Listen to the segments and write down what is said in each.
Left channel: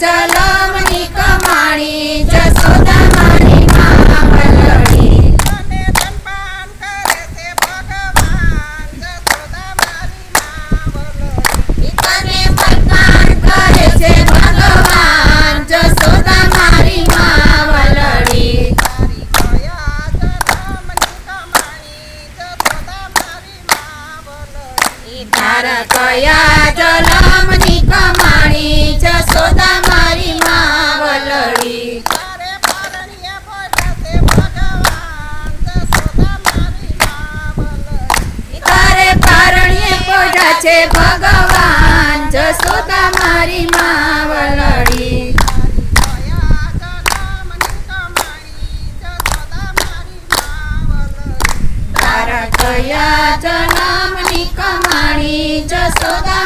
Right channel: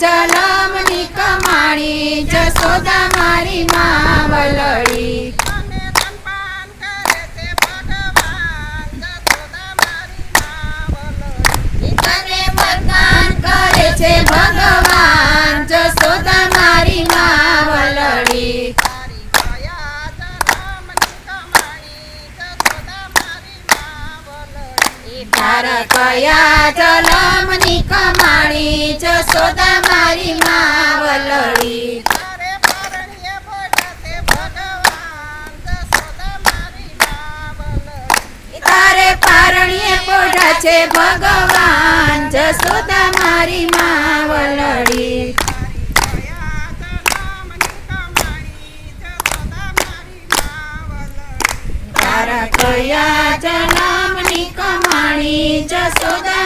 જલમની કમાણી જશોદા મારી માં વલડી તને બદનામ કરે છે ભગવાન જશોદા મારી માં વલડી તારા કયા જલમની કમાણી જશોદા પોઢા છે ભગવાન જસોદા મારી માવલડી તારા કયા જલમની કમાણી જશોદા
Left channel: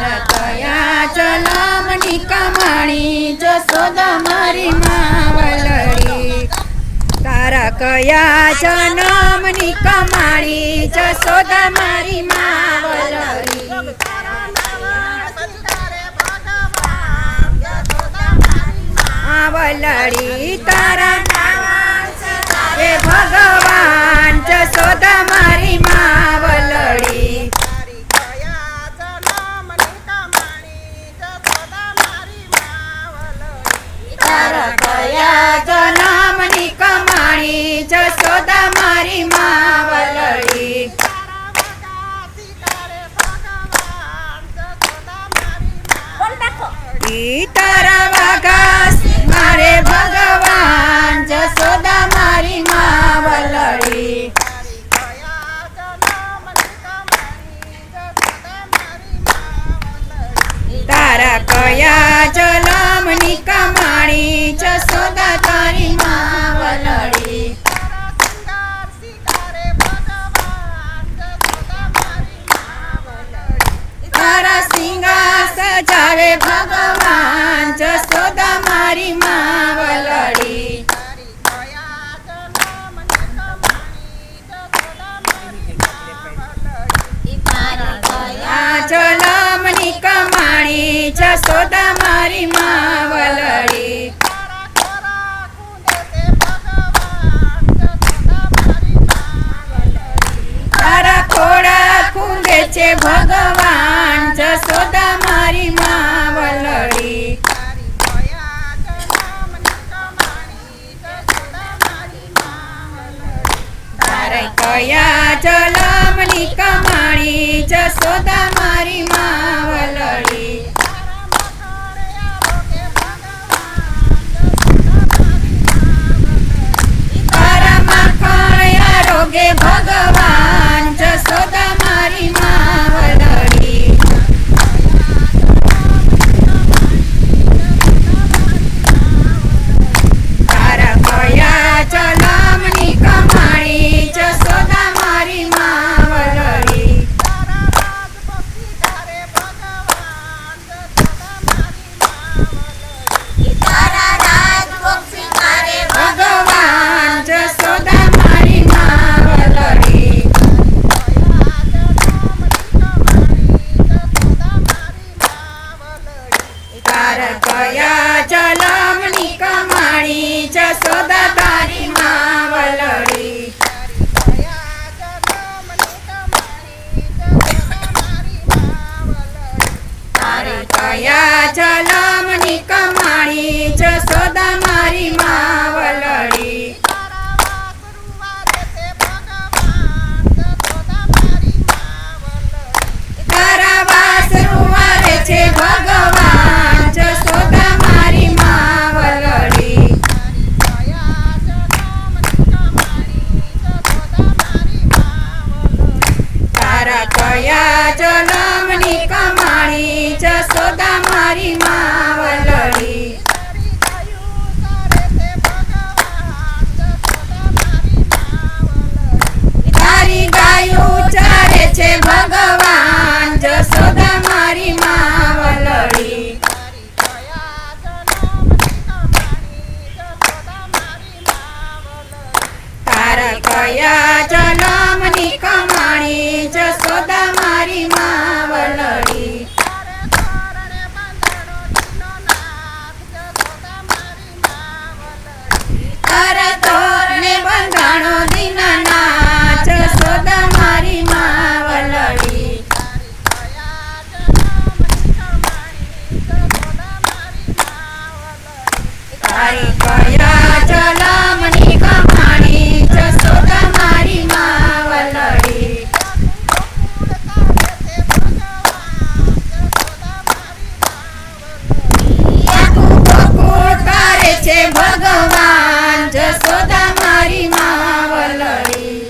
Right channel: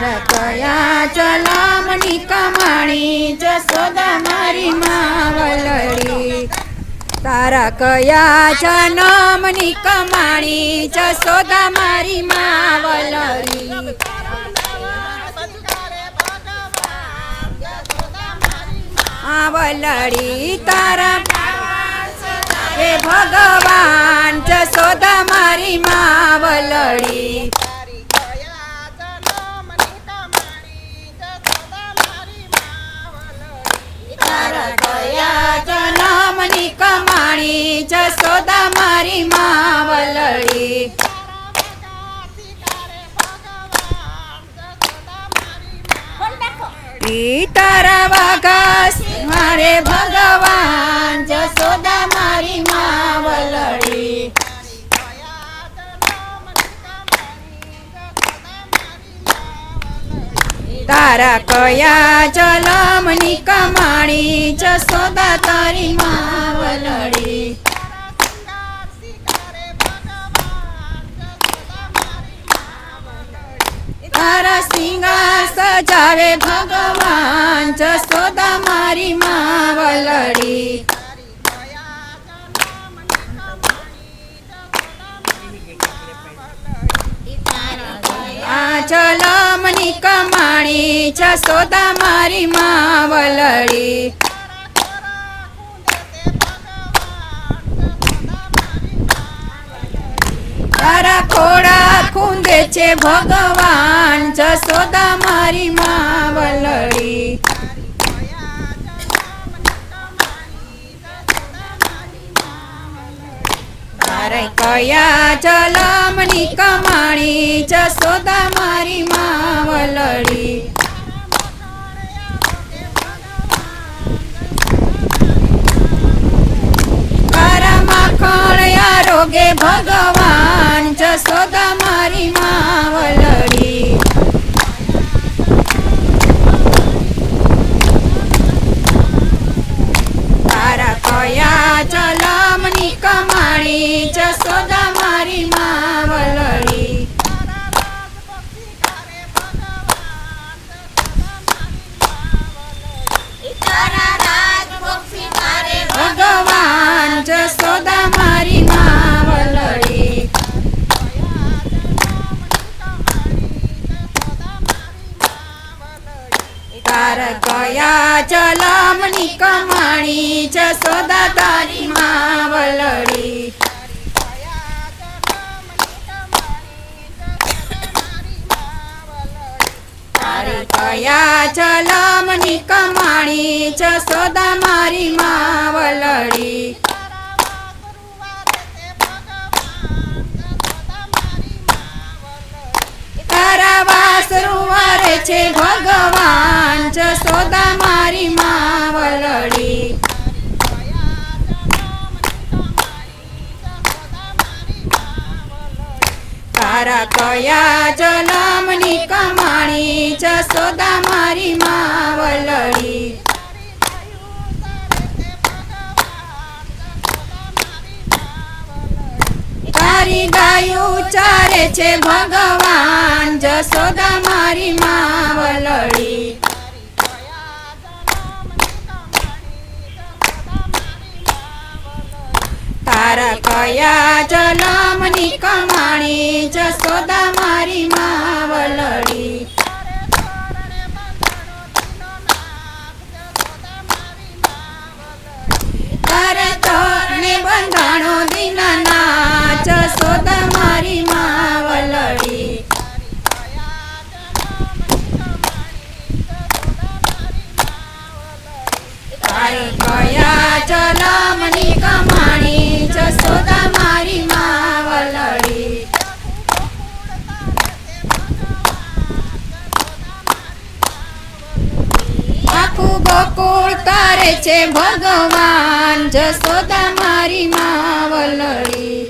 કયા જલમની કમાણી, જશોદા મારી માં વલડી તારા કયા જન્મની કમાણી જસોદા મારી માં વલડી તારા ભગવાન, જશોદા ભગવાન જશોદા મારી માં વલડી તારા કયા જલમની કમાણી જસોદા તારી માં વલડી તારા સિંગા સજાવે ભગવાન. જશોદા મારી માં તારા ખોડા ખૂંદે છે ભગવાન જશોદા મારી માં વલડી. તારે કયા જલમની કમાણી જશોદા योगे भगवान् च કમાણી કયા જલમની કમાણી જસોદા મારી માવલડી તારી ગાયું ચારે છે ભગવાન જસોદા મારી માવલડી તારા કયા જલમની તારી કયા જલમની કમાણી જસોદા મારી માવલડી આખું છે ભગવાન જસોદા મારી માવલડી.